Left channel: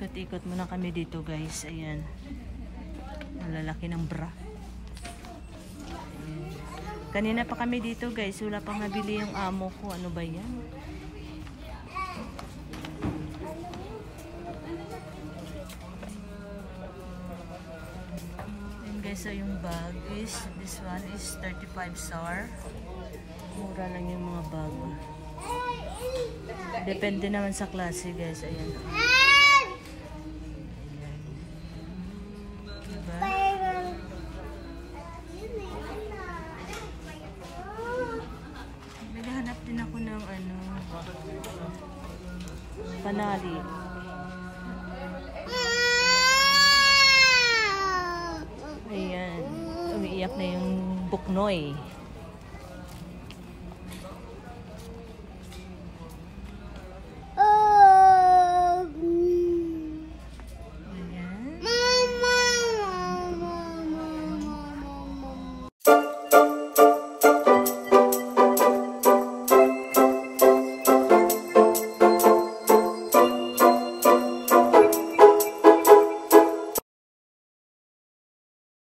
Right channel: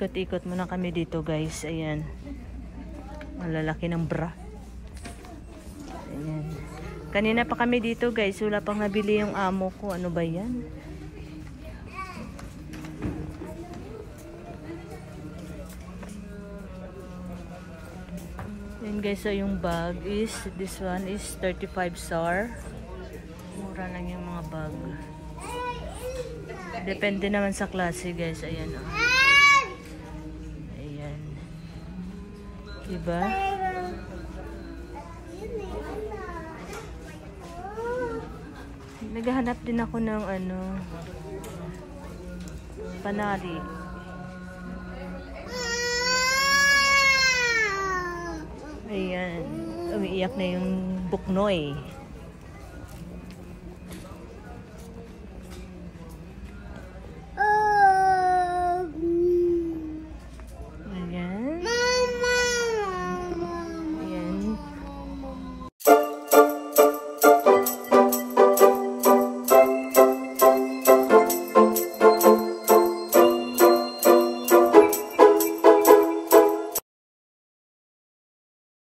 Ikot-ikot muna kami dito guys. Ayan. Malalaki ng bra. Ayan. Kanina pa kami dito guys. Wala pang nabili yung amo ko. Ano ba yan? Ayan guys. So yung bag is, this one is 35 SAR. Mura lang yung mga bag. Depende naman sa klase guys. Ayan. Ayan. Diba? Naghahanap din ako ng ano, panali. Ayan. Umiiyak na yung buknoy.